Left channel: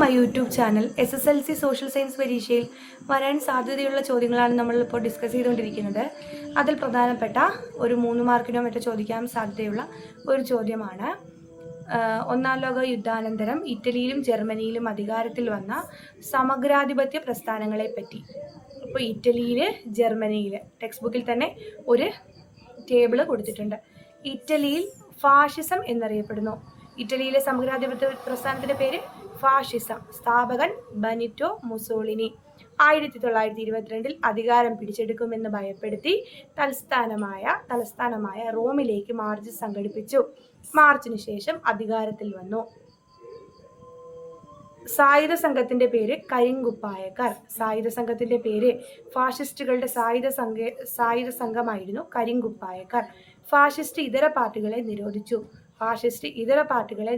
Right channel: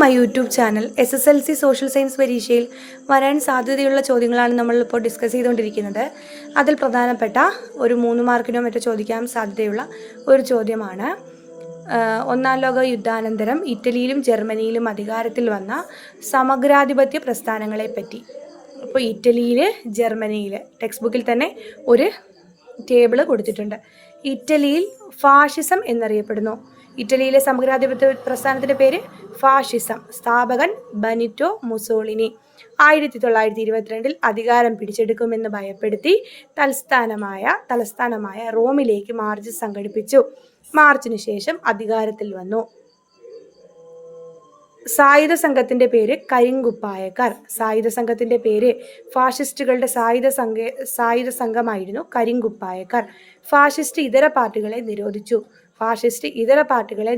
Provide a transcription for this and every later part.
My YouTube channel. SSLC social science പരീക്ഷയിൽ വരാൻ സാധ്യതയുള്ള ചോദ്യങ്ങളാണ് നമ്മളിപ്പോൾ ഡിസ്കസ് ചെയ്തുകൊണ്ടിരിക്കുന്നത്. അതിൽ പ്രധാനപ്പെട്ട ഒരു 3 മാർക്കിനോ മറ്റോ ചോദിക്കാൻ സാധ്യതയുള്ള ഒരു ചോദ്യമാണ് ഒന്നാം ലോക യുദ്ധാനന്തരം ഇറ്റലിയിലും ജർമ്മനിയിലും അധികാരത്തിൽ വന്ന സമഗ്രാധിപത്യ പ്രസ്ഥാനങ്ങളെപ്പറ്റി. ഇപ്പോൾ ഇറ്റലിയിൽ ജർമ്മനിയിൽ ടെക്സ്റ്റ് ബുക്കിൽ തന്നെ ഒരു ടേബിൾ കൊടുത്തിട്ടുണ്ട്. ഇറ്റലിയിൽ ഫാഷിസം എന്നറിയപ്പെടുന്നു. ഇറ്റലിയിലെ സമഗ്രാധിപത്യ പ്രസ്ഥാനത്തിൻ്റെ പേര് ഫാഷിസം. സ്ഥാപകൻ ബെനിറ്റോ മുസോളിനി. 1922 അധികാരം പിടിച്ചെടുക്കുമെന്ന് ഭയപ്പെടുത്തി തലസ്ഥാനമായ റോമിലേക്ക് മാർച്ച് സംഘടിപ്പിച്ചു. മാർച്ചിന് ശേഷം അധികാരത്തിൽ വന്നു. സായുധ സംഘത്തിൻ്റെ പേര് കരിങ്കുപ്പായക്കാർ. സായുധ സംഘത്തിൻ്റെ പേര് ഫാഷിസ്റ്റുകളുടെ സായുധ സംഘമായിരുന്നു കരിങ്കുപ്പായക്കാർ. ഫാഷിസ്റ്റ് ഇതര പാർട്ടികളെ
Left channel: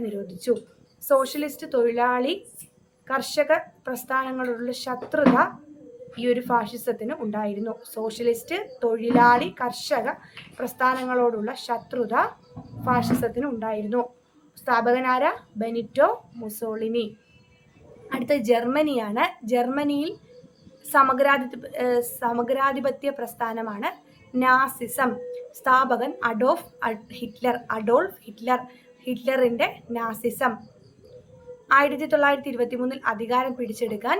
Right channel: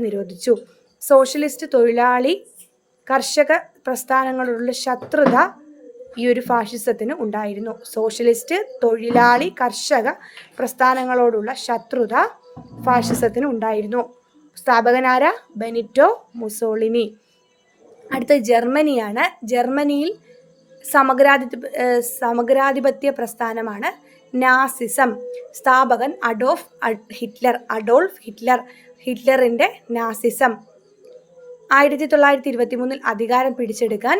നിരോധിച്ചു. സോഷ്യലിസ്റ്റ് തൊഴിലാളി കർഷക പ്രസ്ഥാനങ്ങളോടുള്ള ശത്രുത ഈ ഒരു ഫാഷിസത്തിന് ഉണ്ടായിരുന്നു. സോഷ്യലിസ്റ്റ് തൊഴിലാളി കർഷക പ്രസ്ഥാനങ്ങളോടുള്ള ശത്രുത ഫാഷിസത്തിന് ഉണ്ടായിരുന്നു. സ്ഥാപകനാര ബെനിറ്റോ മുസോളിനി. അടുത്ത ജർമ്മനിയാണ്. ജർമ്മനിയിൽ സമഗ്രാധിപത്യ പ്രസ്ഥാനമാണ് നാസിസം. സ്ഥാപകൻ അഡോൾഫ് ഹിറ്റ്ലർ. ഹിറ്റ്ലറിൻ്റെ നാസിസം. 1923 അധികാരം പിടിച്ചെടുക്കാൻ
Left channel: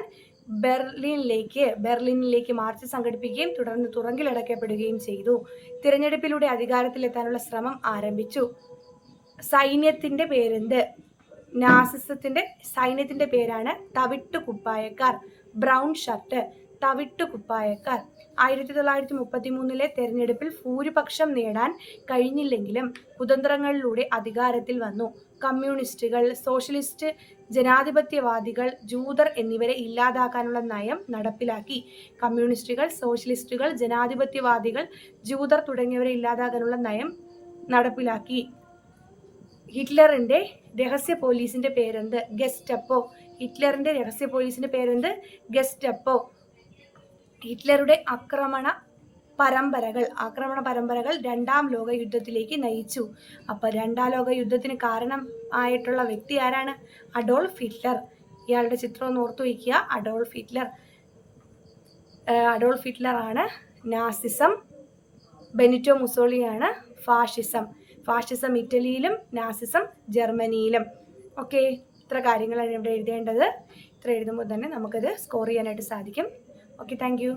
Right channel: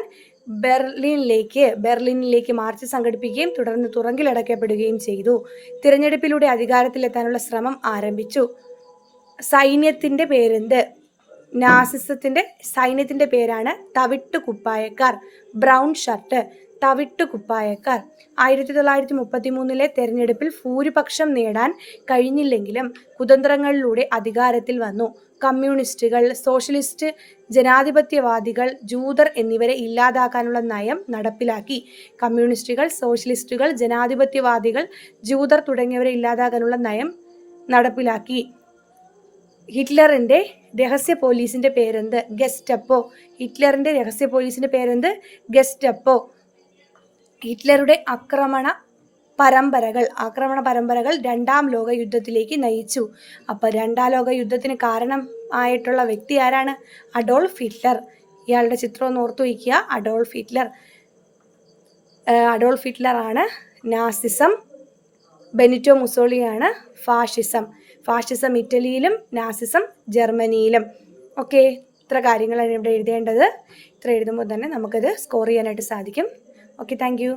ബെർലിനിലേക്ക് മാർച്ച് സംഘടിപ്പിക്കുകയും തുടർന്ന് തുറങ്കിലടക്കപ്പെടുകയും ചെയ്തു. തിരഞ്ഞെടുപ്പിലൂടെ അധികാരത്തിലെത്താനുള്ള ശ്രമം ആരംഭിച്ചു. സൈന്യത്തിൻ്റെ പേരെന്ത്? നാസിസത്തിൻ്റെ സൈന്യത്തിൻ്റെ പേരാണ് തവിട്ടുകുപ്പായക്കാർ. Brown shirt, തവിട്ടുകുപ്പായക്കാർ. 1933 തെരഞ്ഞെടുപ്പിൽ ഭൂരിപക്ഷം നേടാൻ കഴിഞ്ഞില്ലെങ്കിലും കുതന്ത്രങ്ങളിലൂടെ അധികാരത്തിൽ വന്നു. കമ്മ്യൂണിസ്റ്റുകൾ, സോഷ്യലിസ്റ്റ് ജനാധിപത്യവാദികൾ, ജൂതർ എന്നിവരെ ഇല്ലാതാക്കാനുള്ള നയം നടപ്പിലാക്കി. കമ്മ്യൂണിസ്റ്റുകൾ, സോഷ്യലിസ്റ്റുകൾ, ജനാധിപത്യവാദികൾ, ജൂതർ തുടങ്ങിയവരെ ഇല്ലാതാക്കാനുള്ള നയം നടപ്പിലാക്കി. ഹിറ്റ്ലറിൻ്റെ രഹസ്യ പോലീസിൻ്റെ പേരെന്ത്? ഗെസ്റ്റപ്പോ. ഹിറ്റ്ലറിൻ്റെ രഹസ്യ പോലീസിൻ്റെ പേരെന്ത്? ഗെസ്റ്റപ്പോ. ഹിറ്റ്ലറുടെ ആക്രമണ പരമ്പരകൾ 2ാം ലോക യുദ്ധത്തിലേക്ക് നയിച്ചു. അപ്പോൾ 2ാം ലോക യുദ്ധത്തിന് കാരണം ആയിട്ടുള്ള വ്യക്തി ആരാണ്? Adolf Hitler. ഇയാളുടെ ചിത്രം ഒന്ന് ഓർത്തു വയ്ക്കുക. അഡോൾഫ് ഹിറ്റ്ലർ ആണ് നാസിസം. ബെനിറ്റോ മുസോളിനിയാണ് ഫാഷിസം ഇറ്റലിയിലും നാസിസം ജർമ്മനിയിലും. ഓക്കെ, ഇത്ര കാര്യങ്ങളാണ് ഇവിടെ എഴുതേണ്ടത്. ഇത്ര എഴുതുമ്പോൾ തന്നെ നമുക്കത് സ്കോർ ചെയ്യാനായിട്ട് സാധിക്കും. Okay, thank you.